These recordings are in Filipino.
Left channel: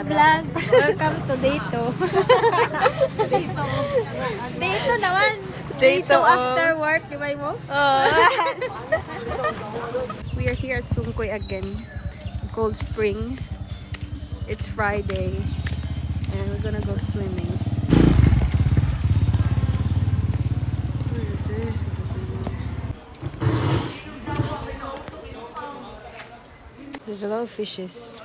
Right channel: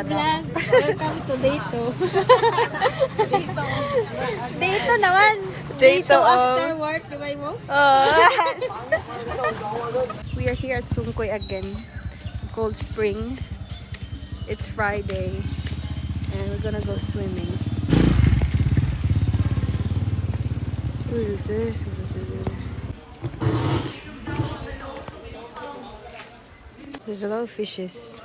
Hi vlog! Welcome to Dayto. Dayto naman! Dayto after work, di ba mo? We are here at Sungkoy again. Cold Spring. It's Friday. And we're gonna go swimming. There's a lot of fishes.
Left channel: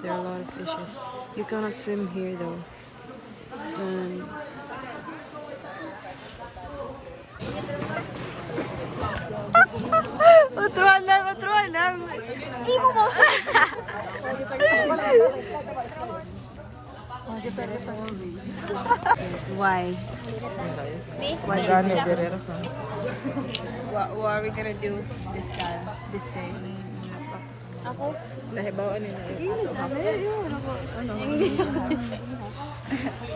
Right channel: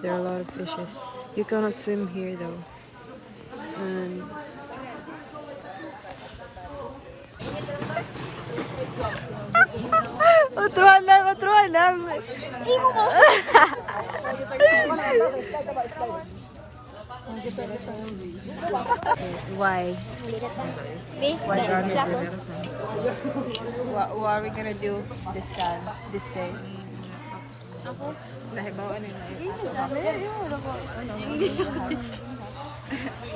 There are a lot of fishes. You cannot swim here though. And Otruan lang. Imo mo! Why? What are we gonna do this time? This day? Ako? Nahibawan nila.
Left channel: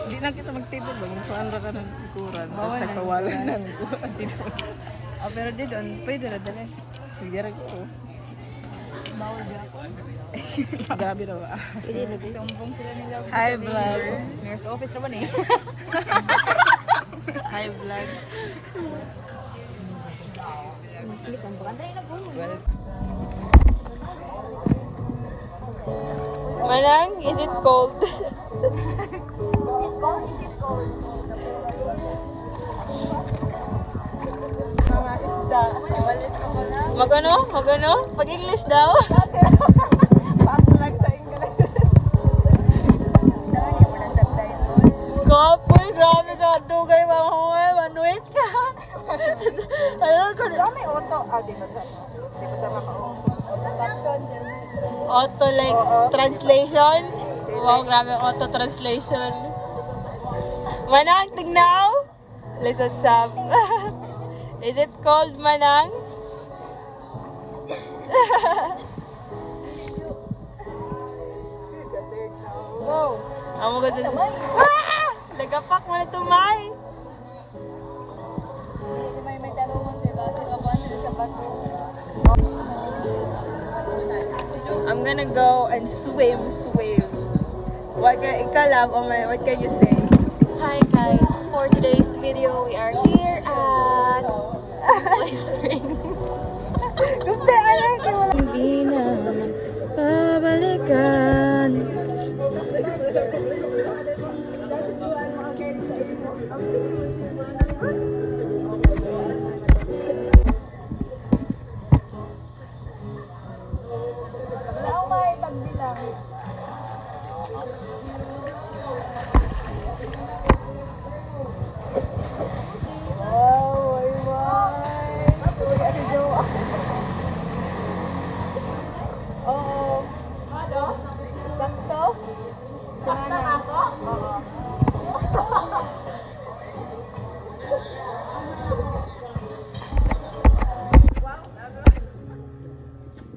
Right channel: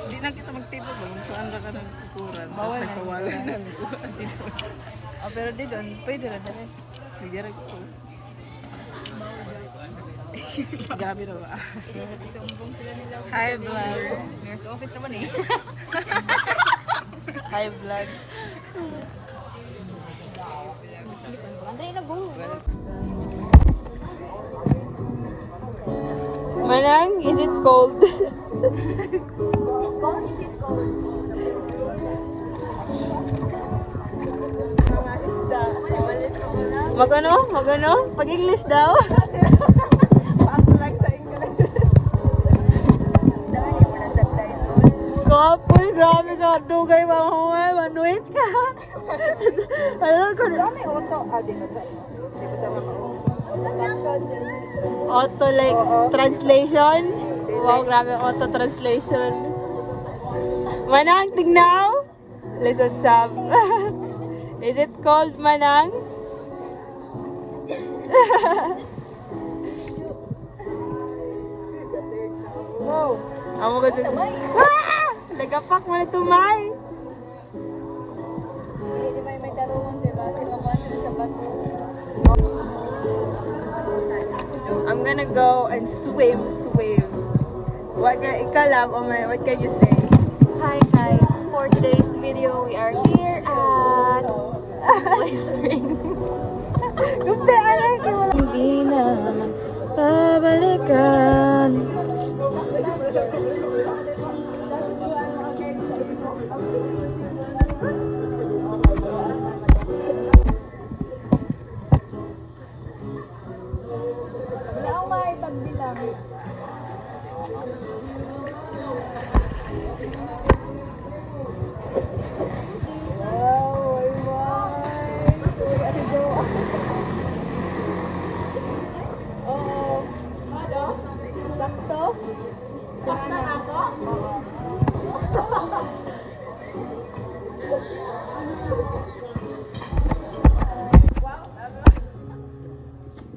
Hindi na kita magtibog. Saan ra ka ng ikuran? Basta nagpawalan ng ikuran. Pero di doon, pwede na dali. Hindi rin ko. Grabe na ba? Hi vlog. Mayor's office naman eh. Hi vlog. Andray na go. Manang, is it cold? Is it cold? Magano? Pag-English daw? Paso lang sa English. Kapoy, grabe ka. Dugay mga huwag. Manuit ka. Ayun ko. May auto. Di ba tayo? Di ba tayo maka-auto? Auto like translation? Wow, grabe auto translation. Manang, tignaw? Listen, Sam. Is it cold, Manang? Go! Amo ko dun. Nagapak mo na tumay. Hindi may tarungan, diba? Sila pa sila sa bato. I'm gonna go and swim. What can you say? Hi guys! For today's video, we are here at Sungkoy Spring. Hindi na babalikan.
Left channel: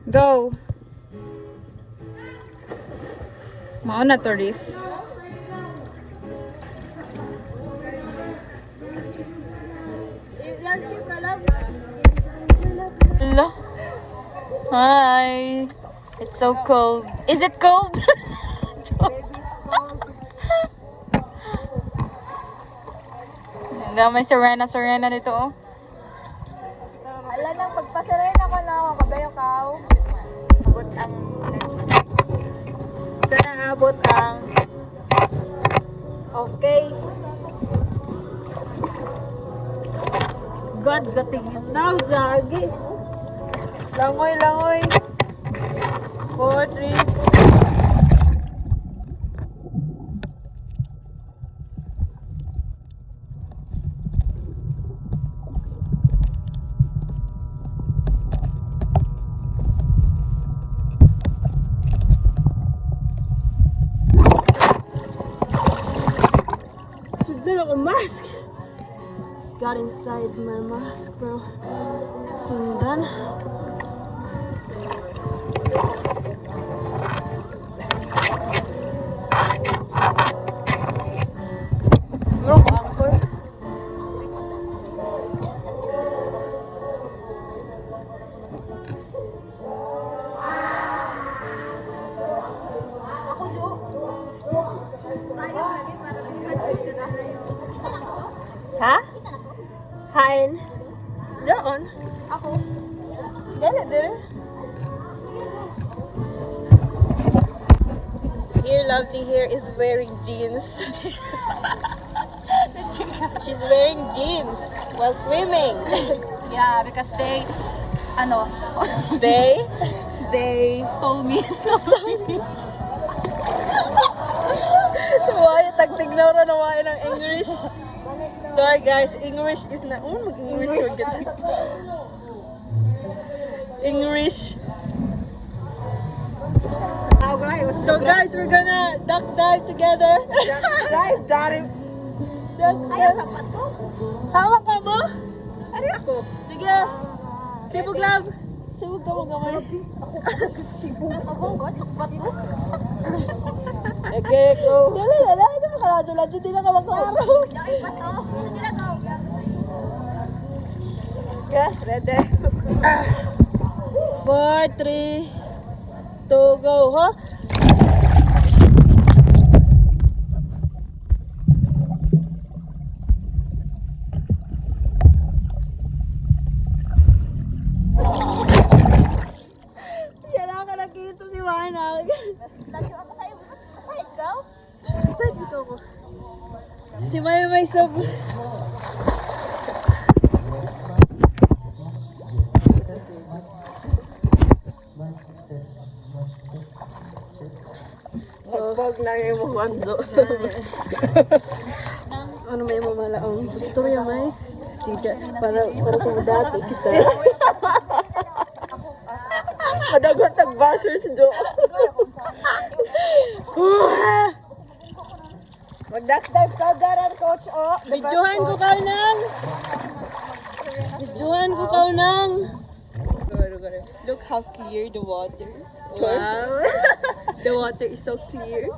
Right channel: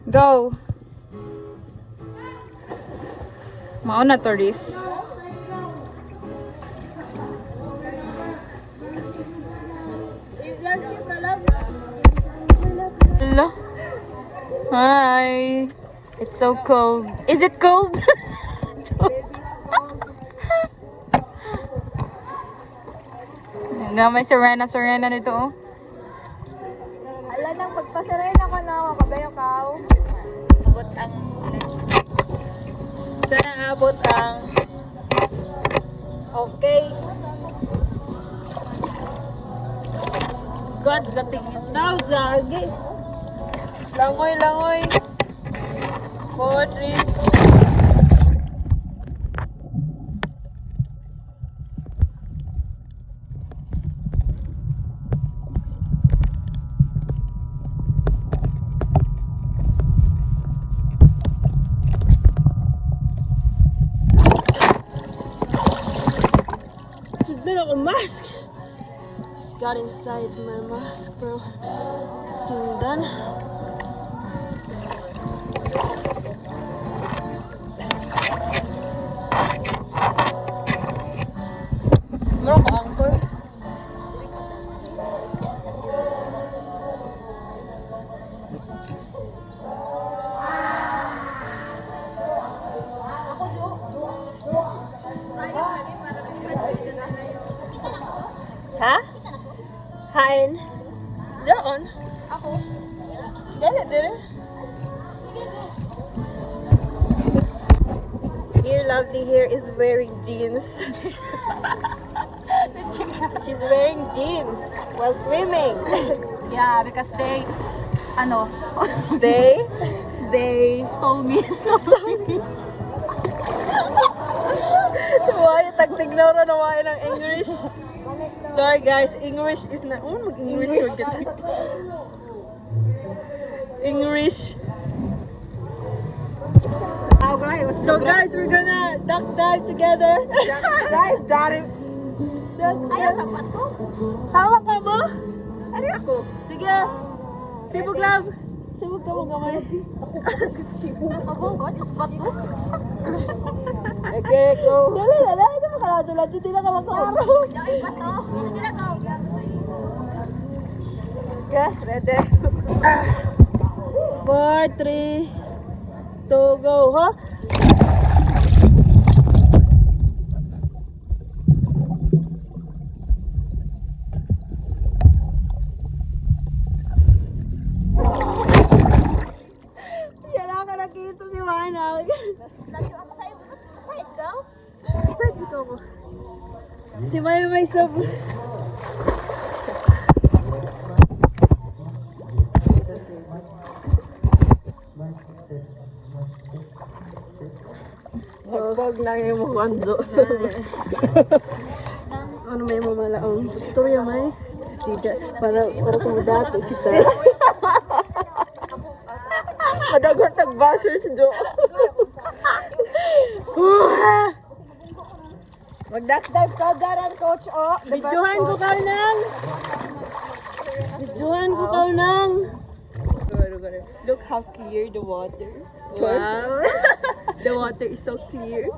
Go! Mauna to this. Hi! It's so cold. Is it cold? Na may Serena nito. Oh. Ala nang pagpasarena ko na ako, kabayo kao. Sana abot ang Okay. God gatingin daw, Zagi. Langoy. 4, 3. Dala ko mask. Got inside my mask, bro. Sundan. Marok angkor. dear lovely here is wearing jeans. She's wearing jeans while swimming. Yeah, because they, They stole me. Why tagtignaw na why ng English? Sorry guys, English is na mag-English or get. English. So guys, we're gonna duck dive together. Dive, got it. Hawak ka mo? Ano ako? Sige. Sibog lang. Sibog ka mo gamay. Okay, go. Dala. Ito makalatulad. Hindi na ka maklaro. Okay, ready? 4, 3, 2, go, ha? Yan ka nakita si Manag. Saan dito ko? Si Maya may sub. Sabag na yung muwando. Ano may mamalaong? Ito yung may? Para kung dati kita. Madagot ang basher si Jo. Magdagdag kagaran, coach, oh. Bidyohan ko ka nang. Look how clear the water. Wow. The water is so clear.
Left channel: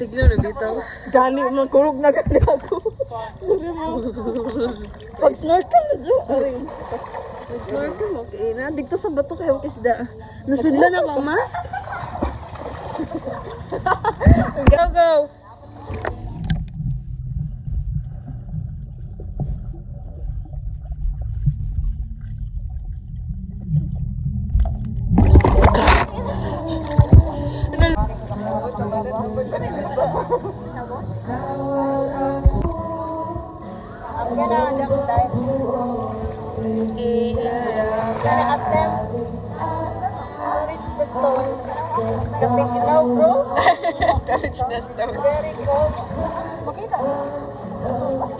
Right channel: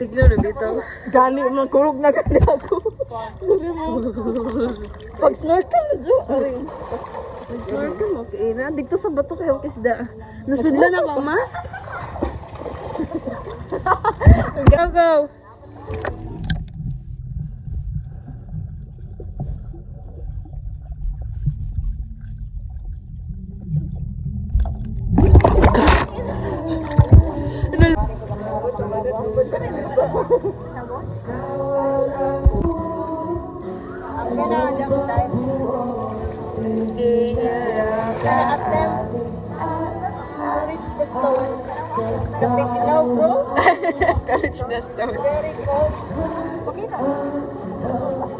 Tignan na dito. Gani, makurog na gani ako. Pag-snorkel na, Jo. Pag-snorkel, okay na. Dito sa bato kayo kisda. Nasudla na ako, mas. Go, go.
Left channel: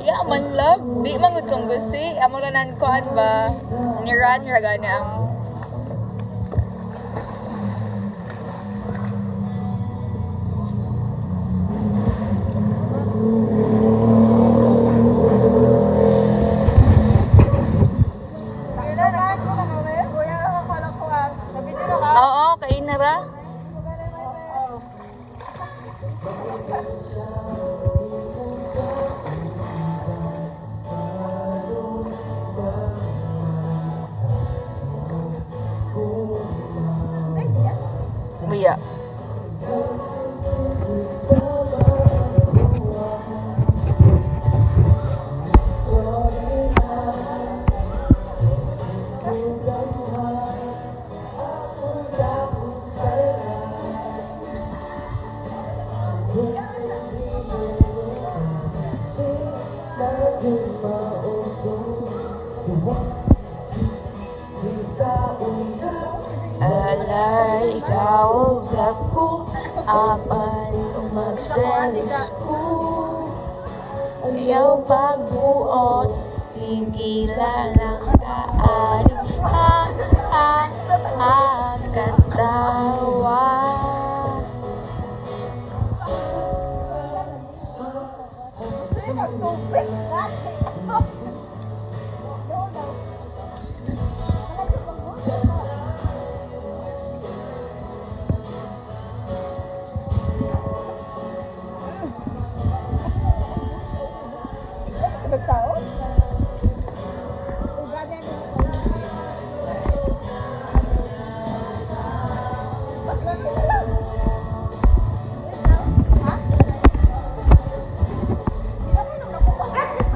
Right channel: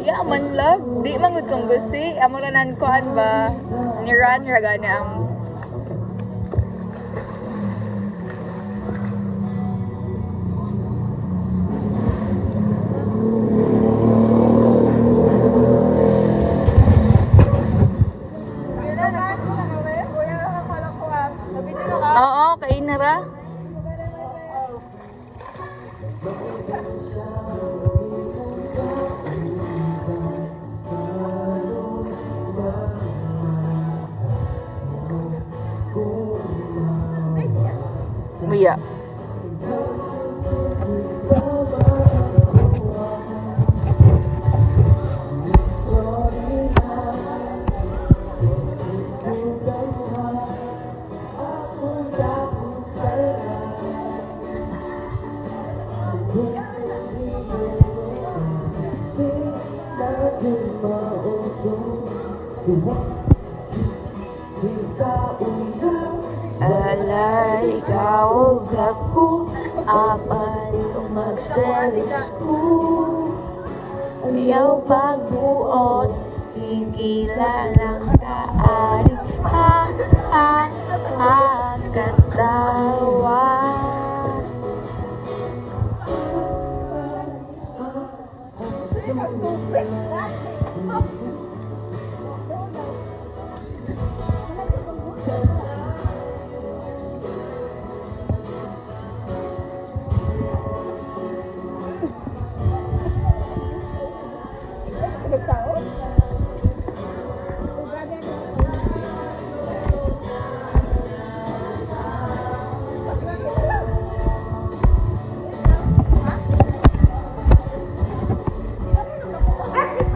Yeah, man love. Di man gud kung gusi. Amo na nan kuan ba? Ni run ra gani ang Oo, kay na ra. Yeah. Alay ikaw ako, apan magselos ko. Ayaw pagbuot, sigilan ang daan. Katawa.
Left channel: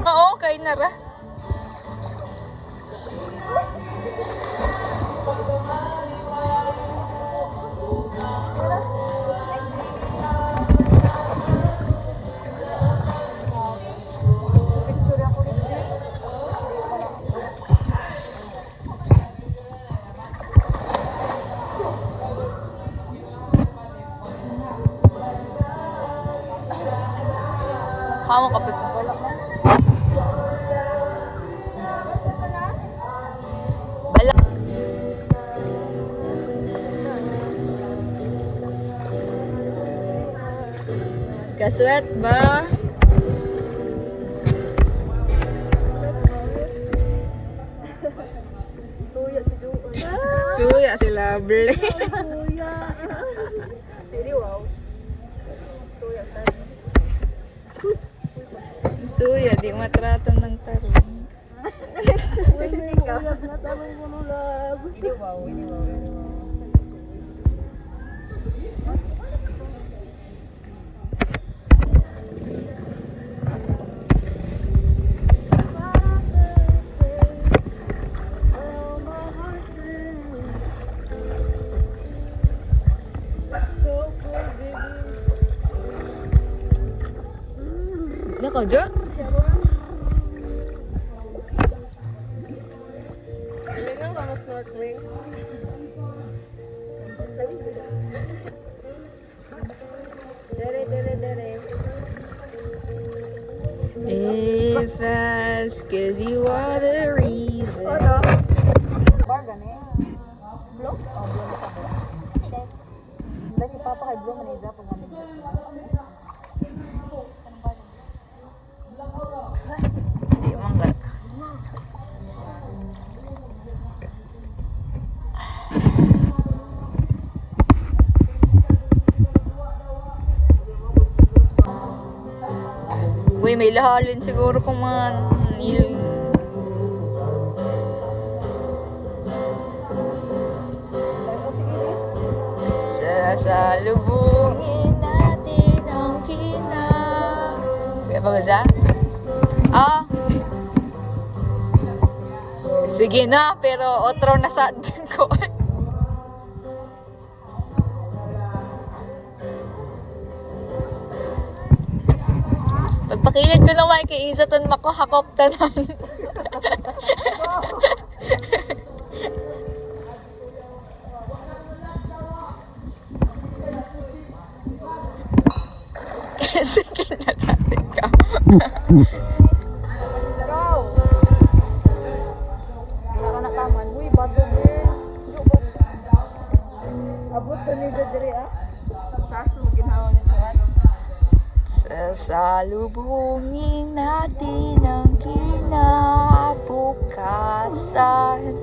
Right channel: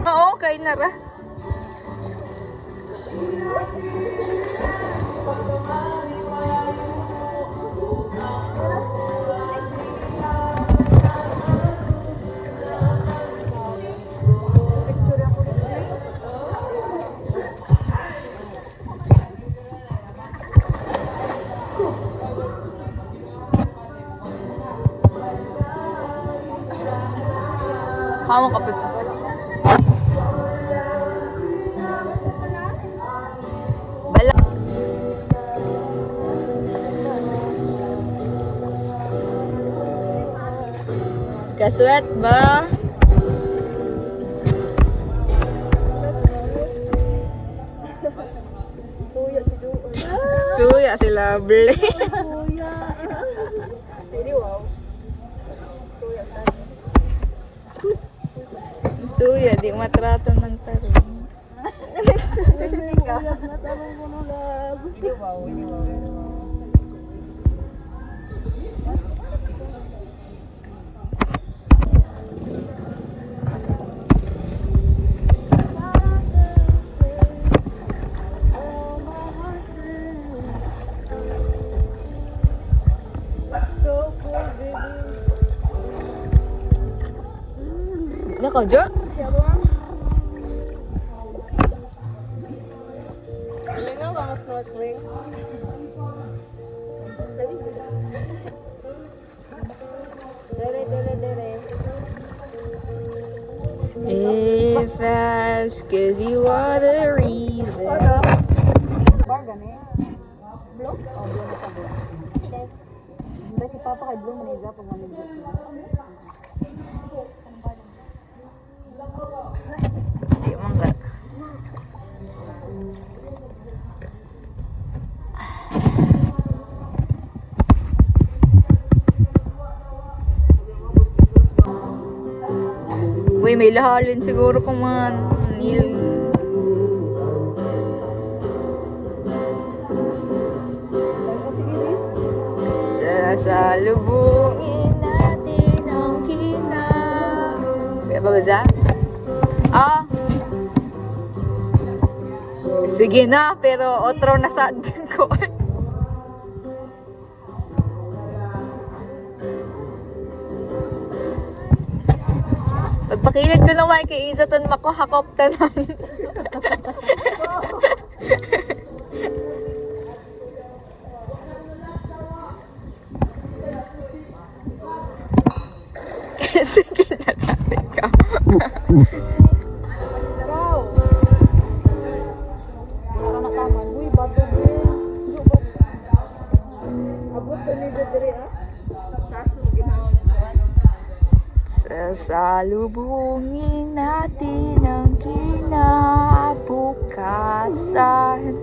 Oo. Kaswet ba? Suya si Lovely. Suya, di matratan ng tarong. Nako, Jo? If that's 'cause you are the reason. Uy, may lahalin siguro kung mga nil. Sasalubungin natin ang kaya ba ba siya? Ah. Sige na, pero otro na sa dyan ko. Pagpakilid ko naman kay Isa tan makuhakop tanan. Sige na dati ka. Sasalubungin natin ang kinabukasan.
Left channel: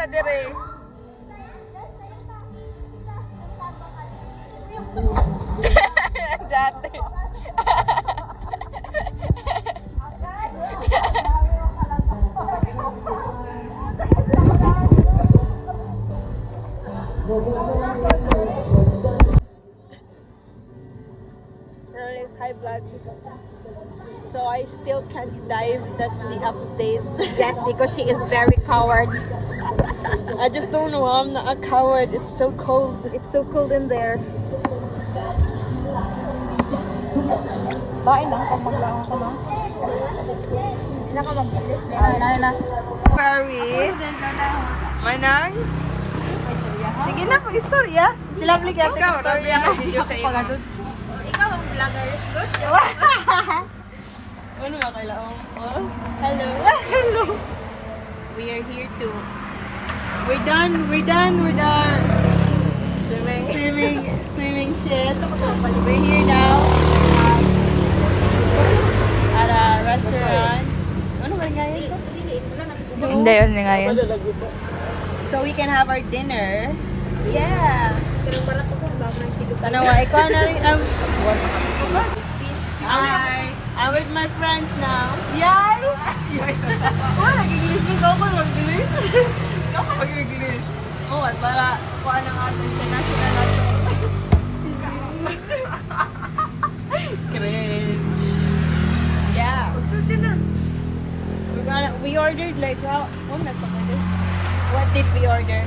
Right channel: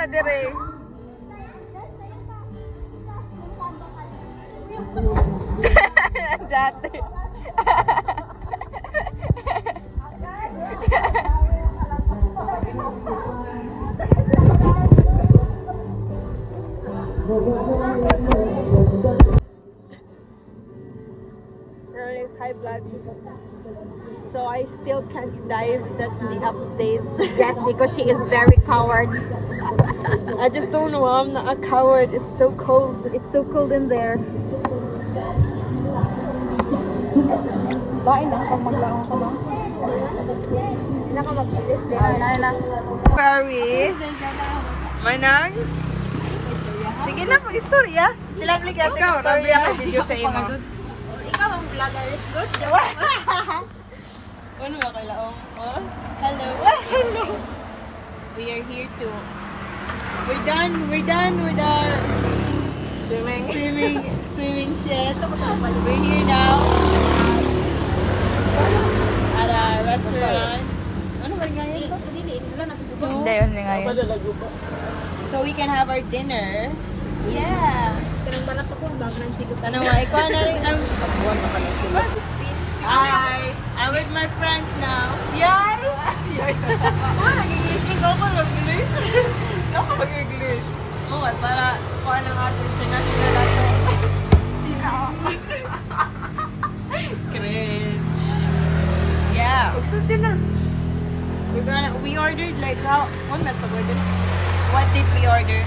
Na dire. Dati. High blood. So I still can't dive. That's the update. Yes, because she is very coward. I just don't know. I'm not a coward. It's so cold. It's so cold in there. Bain na, pag maglaong ka ba? Paris. Manang. Sige na, mag-istorya. Sila balik natin istorya. Ikaw ang vlogger is good. Ano ba kayo laong? Hello. Hello. We are here too. We're done. Swimming shit. We're here now at a restaurant. Ano ba nga yun? Hindi, yun nga yun. So we can have our dinner. Yeah. Tanawa, ikaw na rin. Hi. I'm with my friends now. Yay! Nag-English ako mag-English. Ako mag-English. Oo, para kuha ng ating international ato. Cringe. Yeah. We ordered like how? What did we order?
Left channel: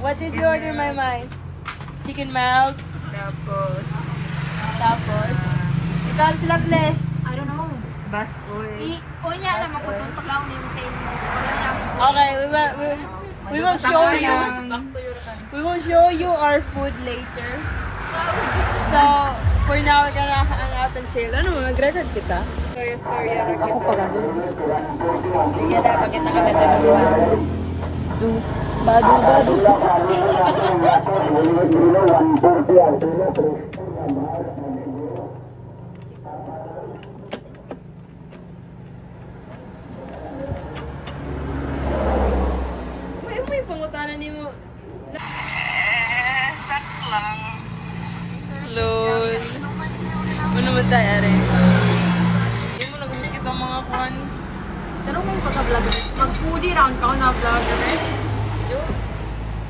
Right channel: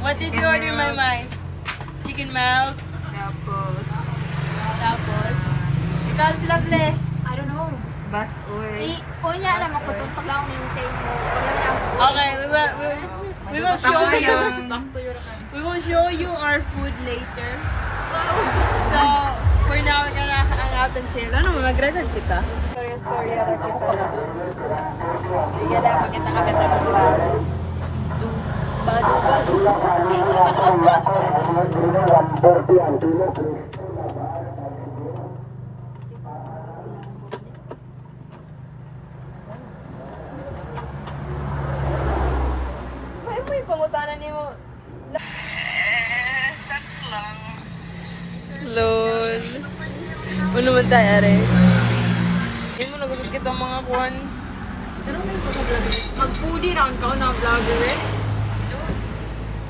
What did we order, my mind? Chicken melt. Tapos. Ikaw, Lovely. I don't know. Bus oil. Kung niya alam ako, tuntok lang yung same mo. Okay, we We will show you. We will show you our food later. So, for now, ang ating chill. Ano, mag-record kita? Sorry. Ako pa nga. Sige na, makita ka na dalawa. Badu. May pangutanan ni mo. Sex lang. Lol. Ano man tayo, are? Hindi mo nagulat kita mga kuhan. Pero may pagka-vlogger. Mag-foodie round ka na vlogger.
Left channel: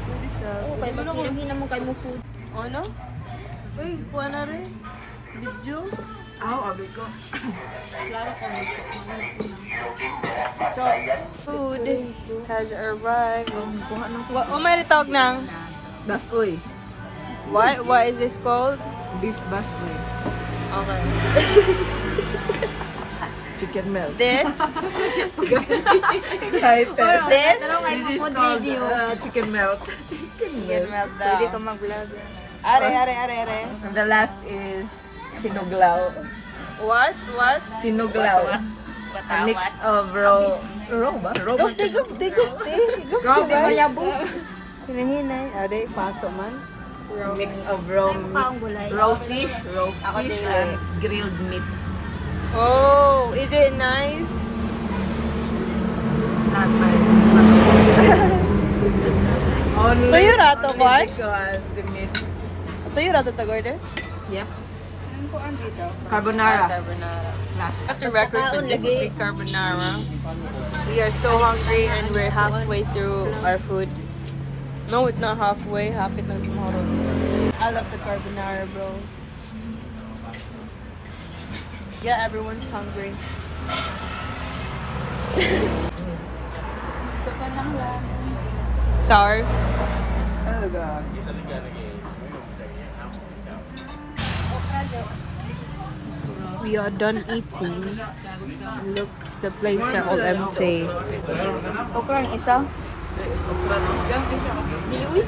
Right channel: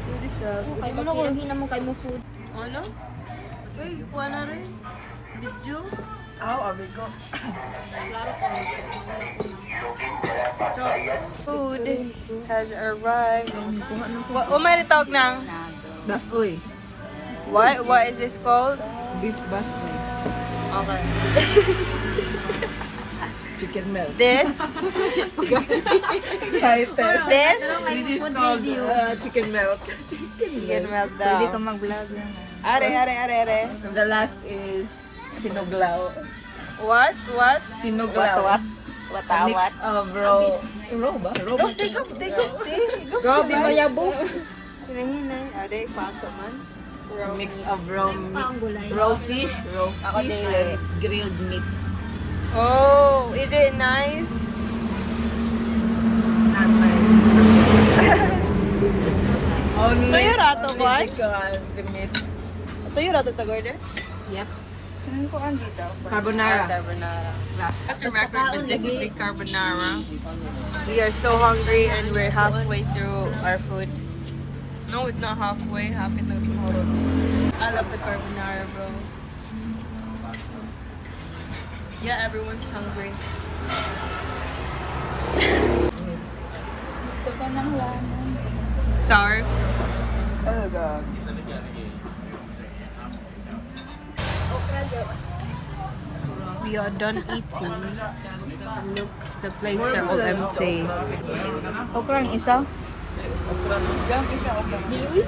Foodie sa... Okay, maghinang mo kay mo food. Ano? Uy, kuha na rin. Video. Abi ko. So, food has arrived. May tawag ng... Basoy. What is this called? Beef basoy. Okay. Chicken melt. This? This? This is called chicken melt. Chicken melt daw. Are. And the last is sinuglaw. What? Sinuglaw. A mix of raw ba? Grabe mayabo. Hinahinay. Are, paso man. A mix of raw fish and grilled meat. Oh, is it nice? It's not my only Tuyo na to, only what? because the meat. Ito yung natutagor na? Yep. Sino ko ang dito? Carbonara. Carbonara. Last. The record for this week, carbonara. We are so hungry and we're halfway through our food. No, it's not halfway. Hapit lang tomorrow. I love the carbonara, bro. Yeah, everyone's hungry. Sorry. We are done eating. Look, the plates are all empty. Okra ang isa. Okra no? Dili uy.